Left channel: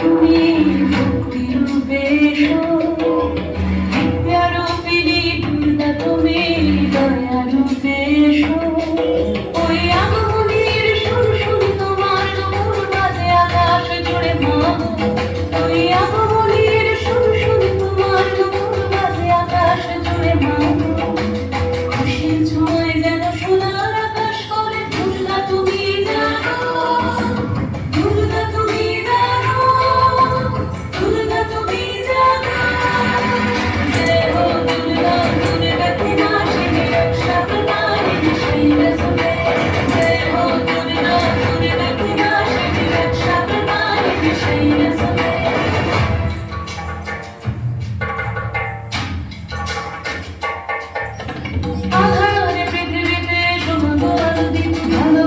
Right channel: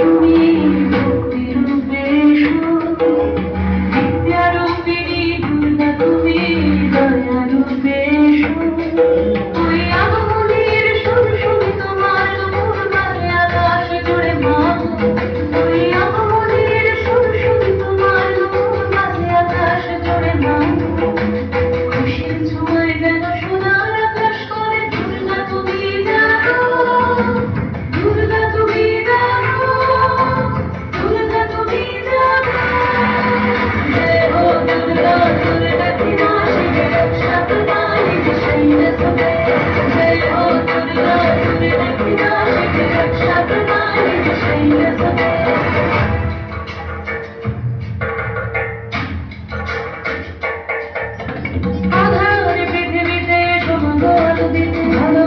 তুমি ভক্তির রূপে এসো, বিদ্যারূপিণী দুর্গা তুমি দয়ার রূপে এসো। ওই আগমনীর সুর সুর তোমার নূপুর বাজে আকাশ জুড়ে মা গো। ওই আগমনীর সুর সুর তোমার নূপুর বাজে আকাশ জুড়ে মা গো। খুশির ছোঁয়ায় যেন সোনার আকাশ করে দুর্গা তুমি জানো, দুর্গা তুমি জানো, দুর্গা তুমি জানো। জয় হো দুর্গা দুর্গা की नाशिनी रक्षा प्रणाली शैल सुते। जय हो दुर्गा दुर्गा की नाशिनी रक्षा प्रणाली शैल सुते। আধার পৃথিবীতে সমগর দিতে ভালো